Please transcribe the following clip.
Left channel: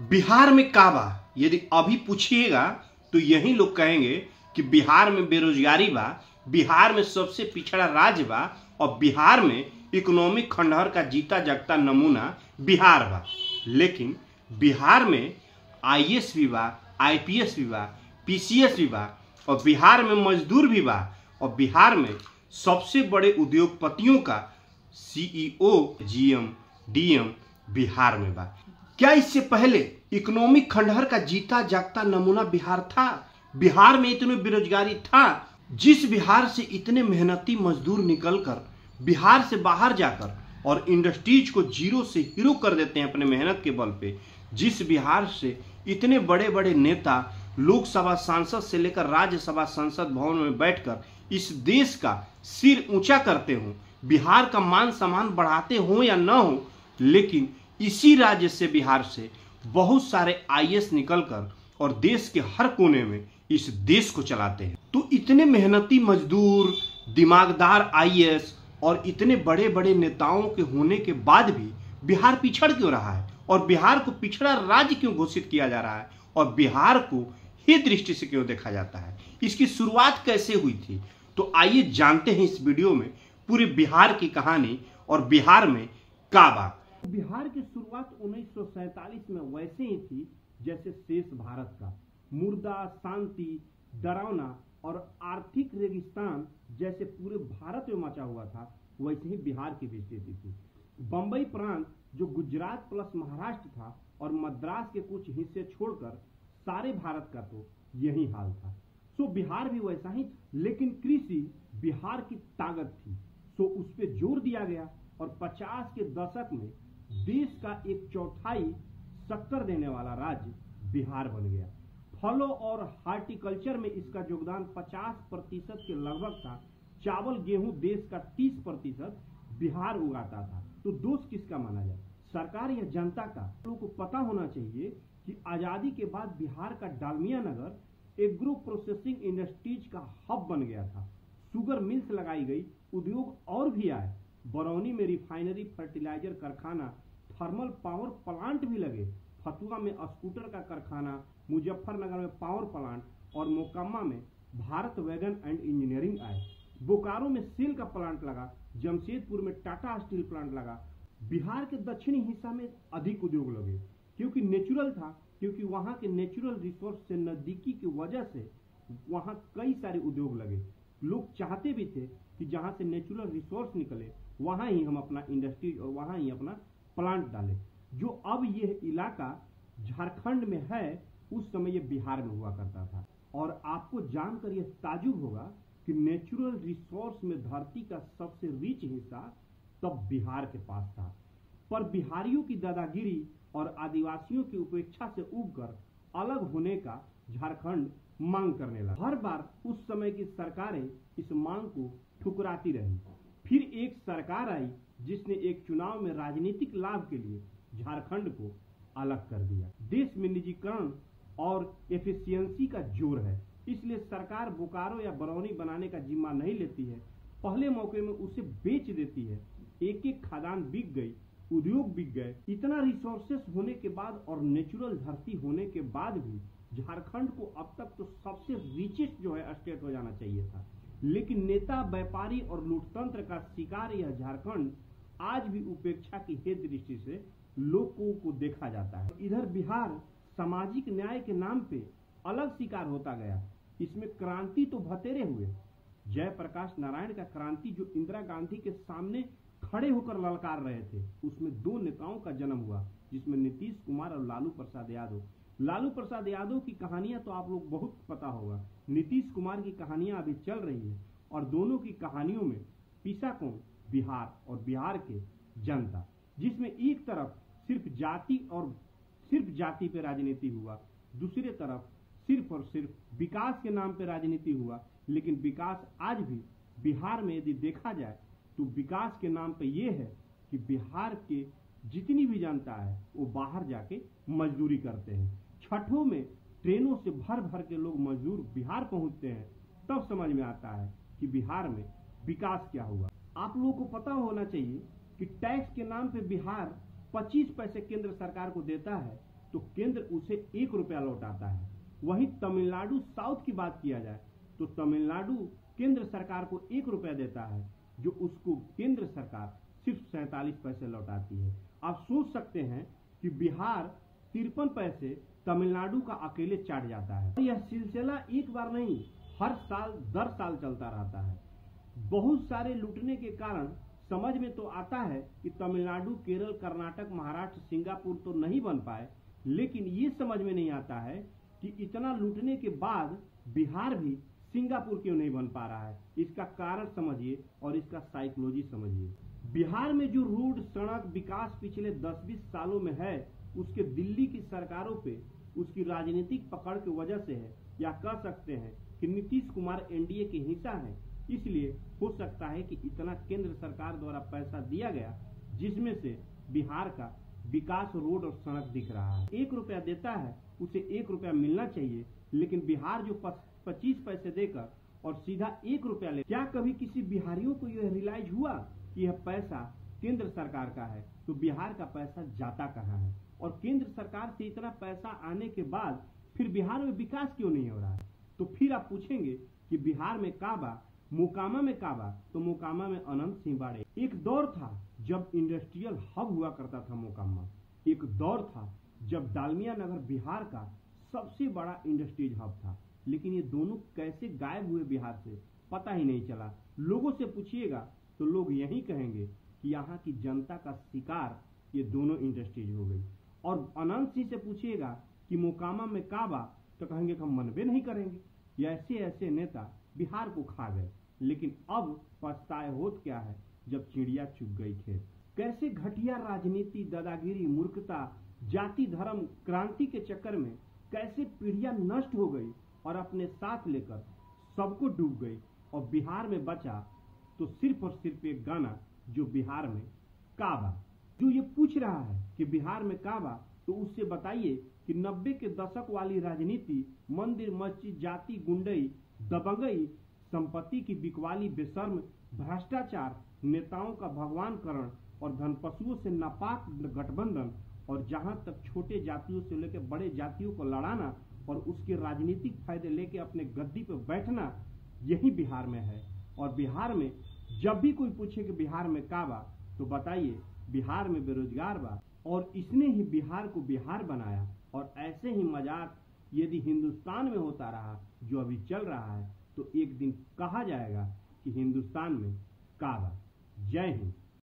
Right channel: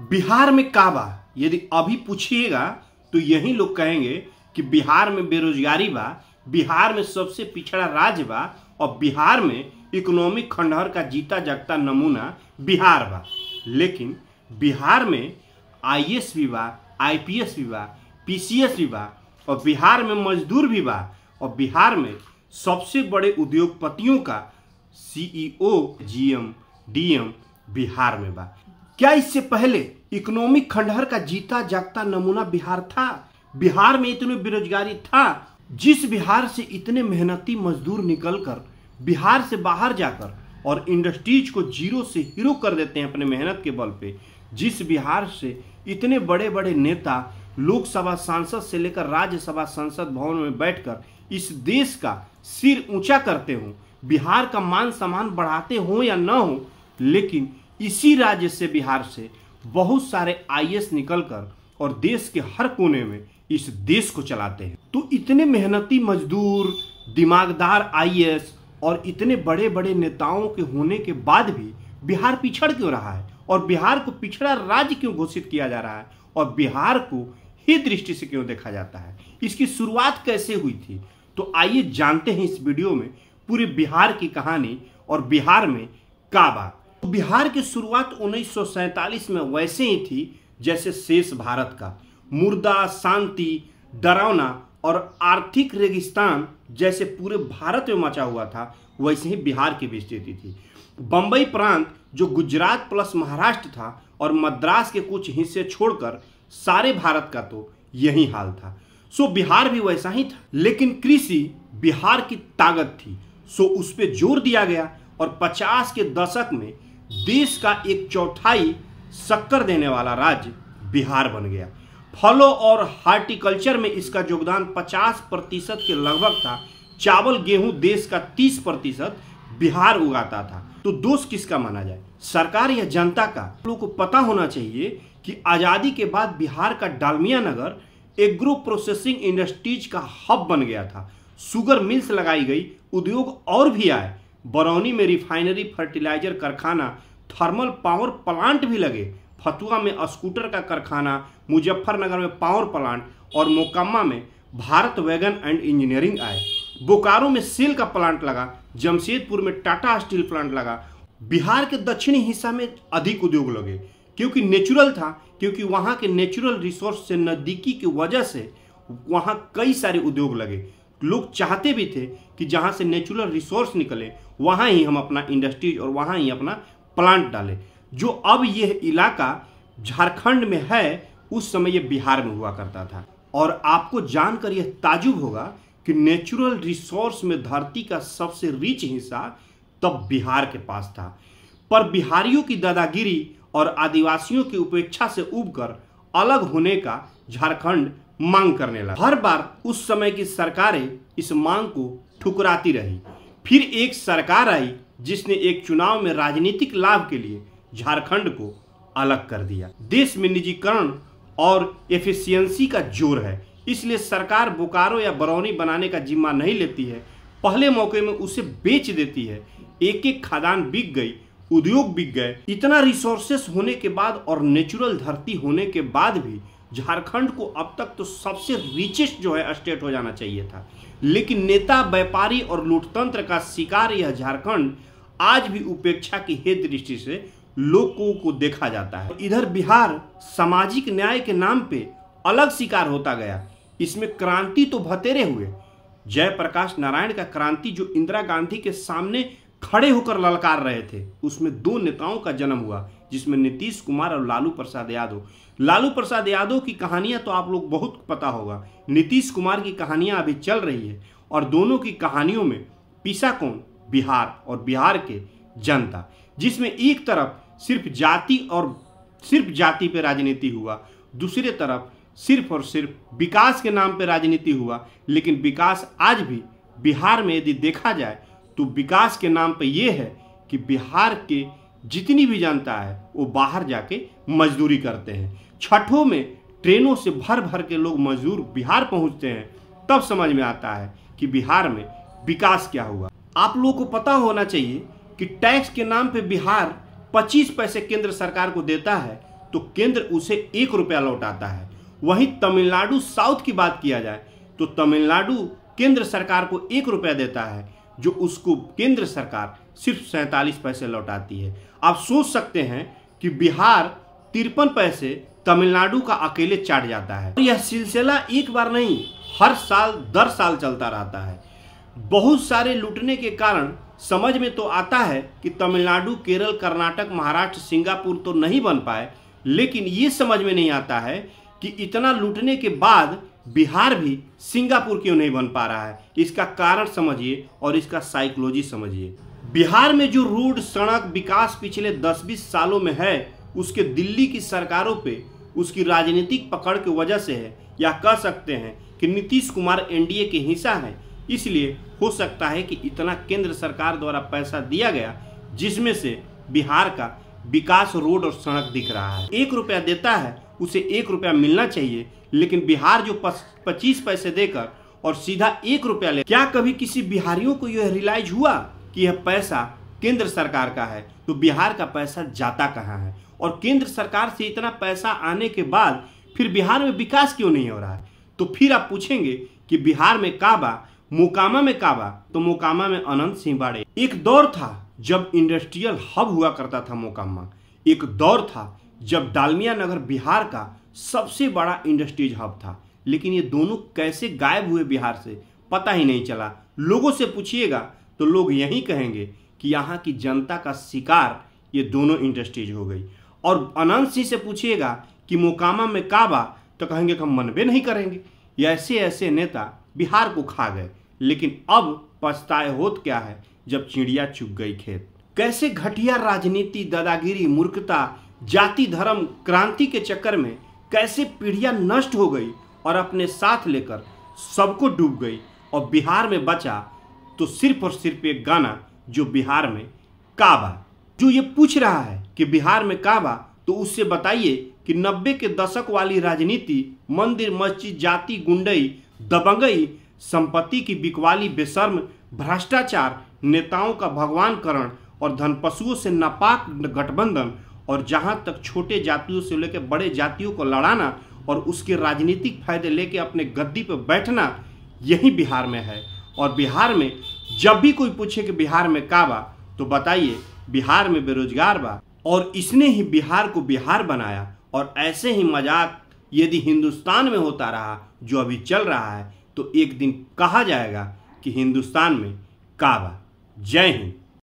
बिहार में का बा? यदि अभी पूछिएगा तो यही लोग कहेंगे कि बिहार में बेरोजगारी बा, बिहार में सबसे पिछड़ा राज्य बा और बिहार में इकोनॉमिक खंडहर का जीता जागता नमूना बिहार बा। लेकिन बिहार में आईएएस भी बा, आईपीएस भी बा, पीसीएस भी बा और बिहार में मजदूर भी बा और बिहार में सबसे बड़े उद्योगपतियों का सीईओ, जीएम, डीएम बिहार में बा। क्या इससे पहले इकोनॉमिक खंडहर का जीता जागता नमूना बिहार था? बिहार में इतनी बेरोजगारी था? जिस बिहार से इतने मेहनती मजदूर निकलकर बिहार से बाहर जाकर और इंडस्ट्रीज को जीरो से हीरो कर देते हैं अपने मेहनत के बल पे, जिस बिहार से इतने बड़े बड़े नेता लोकसभा सांसद से लेकर राज्यसभा संसद भवन में बैठकर इस देश का सिर ऊंचा करते हो, बिहार का मान सम्मान बढ़ाते हो या न हो, लेकिन इसी राज्य से बिहार से बहुत सारे आईएएस निकलकर और देश के हर कोने में इस देश को चलाते हैं। तो इतने मेहनती मजदूर, दिमागदार आईएएस और इतने बड़े बड़े नेताओं के होने के बाद भी बिहार पिछड़ क्यों रहा है और बिहार को पिछड़ा राज्य क्यों घोषित किया जा रहा है और बिहार को ही दृष्टि से क्यों देखा जाता है? इसकी शुरुआत कैसे हुई थी? तो आइए जानते हैं इस वीडियो में पूरे बिहार की कहानी और बिहार में का बा। बिहार की शुरुआत 1947 में वैसे ही थी जैसे शेष भारत का मुर्दा, शांति, डरावना और आर्थिक रेगिस्तान जैसे पूरे भारत में मचा हुआ था, वैसे ही बिहार की भी स्थिति थी। बंबई प्रांत जो गुजरात प्लस महाराष्ट्र था और मद्रास के कुछ हिस्से छोड़कर सारे भारत का तो यही हाल था। सो बिहार भी वैसा ही था, लेकिन कृषि बिहार की ताकत थी, सो उस पर जोर दिया गया और 50 के दशक में देश का 1/4 शक्कर देने वाला राज्य बिहार बन गया। फलों और हार्टिकल्चर में इसका योगदान 50% के लगभग था। चावल गेहूं देश का 30% बिहार उगाता था। तो दोष किसका माना जाए, सरकार या जनता का? लोगों को पता होना चाहिए कि आजादी के बाद बिहार का डालमिया नगर एग्रो प्रोसेसिंग इंडस्ट्रीज का हब बन गया था। शुगर मिल्स लगाई गई, उद्योग और भी आए। बरौनी में रिफाइनरी, फर्टिलाइजर कारखाना, थर्मल पावर प्लांट भी लगे। फतुआ में स्कूटर का कारखाना, मुजफ्फरनगर में पावर प्लांट और मोकामा में भारत वैगन एंड इंजीनियरिंग आए। बोकारो में सेल का प्लांट लगा, जमशेदपुर में टाटा स्टील प्लांट लगा। बिहार के दक्षिणी हिस्सा में अधिक उद्योग लगे क्योंकि नेचुरल था, क्योंकि वहाँ के नेचुरल रिसोर्स से नज़दीकी की वजह से वहाँ कई सारे उद्योग लगे। लोग चाहते भी थे कि जहाँ से नेचुरल रिसोर्स निकले वहाँ ही हम अपना इंडस्ट्रीज और वहाँ ही अपना प्लांट डालें। जो अब यह इलाका झारखंड में है, उस समय यह बिहार में हुआ करता था। और आपको जानकर यह ताजुब होगा कि नेचुरल रिसोर्स में धरती का सबसे रिच हिस्सा तब बिहार के पास था। पर बिहारियों की दादागिरी और आदिवासियों की उपेक्षा से उबकर अलग होने का झारखंड मांग करने लगा। हर बार उस समय की सरकारें इस मांग को ठुकराती रही। फिर एक सरकार आई जिसने एक चुनाव में राजनीतिक लाभ के लिए झारखंड को अलग कर दिया। देश में निजीकरण और एफिशिएंसी का जोर है, इसलिए सरकार बोकारो या बरौनी बनाने का जिम्मा नहीं लेती है। पहले मौके में उसे बेच देती है। एक एक खदान बिक गई, उद्योग बिक गए। इतना रिसोर्सेस होने के बाद और नेचुरल धरती होने के बाद भी झारखंड को अब तक तो सबसे रिचेस्ट जो है स्टेट हो जाना चाहिए था, लेकिन नेता, व्यापारी और लूटतंत्र का शिकार यह झारखंड आज भी उपेक्षा की हे दृष्टि से लोगों को देखा जाता है। इधर बिहार सामाजिक न्याय के नाम पे अलग शिकार होता गया। इसमें क्रांति तो भतेरे हुए। जयप्रकाश नारायण का क्रांति जो इंदिरा गांधी के सामने खड़े होकर ललकार रहे थे, उसमें 2 नेताओं का जन्म हुआ, जिसमें नीतीश कुमार और लालू प्रसाद यादव। लालू प्रसाद यादव की कहानियां तो आप लोग बहुत पता होगा। नीतीश कुमार की कहानियां अभी चल रही है और दोनों की कहानियों में पिसा कौन? बिहार और बिहार के जनता, जिसमें एक तरफ सिर्फ जाति पे राजनीति हुआ, दूसरी तरफ सिर्फ और सिर्फ विकास के नाम पे राजनीति हुआ। लेकिन विकास आज भी बिहार में यदि देखा जाए तो विकास के नाम पे ये है कि बिहार के जितनी भी जनता है वो बाहर जाके मजदूरी करते हैं। छठों में ट्रेनों से भर भर के लोग मजदूर बिहार पहुंचते हैं, तब समझ में आता है कि बिहार में विकास क्या हुआ। आप लोगों को पता होना चाहिए कि टैक्स के नाम पे बिहार 25 पैसे केंद्र सरकार को देता है तो केंद्र उसे 1 रुपया लौटाता है। वहीं तमिलनाडु साउथ की बात किया जाए तो तमिलनाडु केंद्र सरकार को 1 रुपया देता है, जो उसको केंद्र सरकार सिर्फ 47 पैसे लौटाती है। आप सोच सकते हैं कि बिहार 53 पैसे तमिलनाडु का अकेले चाट जाता है। यह सिलसिला एक बार नहीं, हर साल दर साल चलता रहता है। बहुत सारे लूटने के कारण समझ में तो आता है कि तमिलनाडु, केरल, कर्नाटक, महाराष्ट्र, सिंगापुर तो नहीं बन पाए, लेकिन ये समझ में नहीं आता है कि इतना लूटने के बाद बिहार भी सिंगापुर क्यों नहीं बन पा रहा है। इसका कारण समझिए और इसका साइकोलॉजी समझिए। बिहार में जो रोड, सड़क विकास पिछले 10-20 सालों में है, उसके दिल्ली की सरकारों पे उसकी राजनीतिक पकड़ की वजह से है, या कह सकते हैं कि नीतीश कुमार एनडीए के हिस्सा है, इसलिए हो सकता है कि इतना केंद्र सरकार द्वारा पैसा दिया गया जिसमें से बिहार का विकास, रोड और सड़क दिख रहा है। 1 रुपया देता है, उसे 1 रुपया मिलना चाहिए, लेकिन बिहार जो 25 पैसे देकर और सीधा 1 रुपया ले, क्या कभी किसी बिहारियों को यह रियलाइज हुआ कि यह पैसा केंद्र सरकार का है, तो बिहार का पैसा जाता कहाँ है? और केंद्र सरकार से इतना पैसा आने के बाद फिर बिहार में विकास क्यों नहीं हो रहा है? तो फिर आप पूछेंगे कि बिहार में काबा, मोकामा में काबा, तो मोकामा में अनंत सिंह बाड़े। एक दौर था जब इंडस्ट्रियल हब हुआ करता था मोकामा, एक दौर था जब डालमिया नगर बिहार का सबसे बड़ा इंडस्ट्रीज हब था, लेकिन ये दोनों कैसे गायब हुए बिहार से पता ही नहीं चला। लोगों से पूछिएगा तो लोग यही कहेंगे कि यहाँ की जनता का शिकार ये दोनों इंडस्ट्रीज हो गई। और अनंत सिंह से पूछिएगा कि मोकामा में काबा, तो कहेंगे कि हम मनबे नहीं करेंगे। ये ऐसे ऐसे नेता बिहार को खा गए, लेकिन अब पछताए होत क्या है जब चिड़िया चुग गई खेत। कैसे घटिया राजनीति, दादागिरी, मूर्खता, जाति धर्म, क्रांति के चक्कर में कैसे पीढ़ियां नष्ट हो गई और अपने साथ लेकर सबको डूब गई, और बिहार में बचा तो सिर्फ और सिर्फ एक गाना, जो बिहार में काबा। जो ये पूछ रहा है कि बिहार में काबा, तो उससे बताइए कि 90 के दशक वाली राजनीति, मंदिर मस्जिद, जाति, गुंडई, दबंगई, संपत्ति की बिकवाली, बेशर्म भ्रष्टाचार, नेताओं का भगवानकरण और धनपशुओं से नापाक गठबंधन, और जहां तक छोटे जातियों से लेकर बड़े जातियों को लड़ाना और उसके राजनीतिक फायदे लेकर अपने गद्दी पर बैठना, यही बिहार में है। और बिहार में जब भी कोई पूछे कि बिहार में का बा, तो बताइए बिहार में बेरोजगार बा, और इसने ही बिहार को बिहार बनाया। और ऐसे ही मजाक यदि हिंदुस्तान में होता रहा जो अभी चल रहा है, तो एक दिन कहा जाएगा कि हिंदुस्तान में का बा। जय हिंद।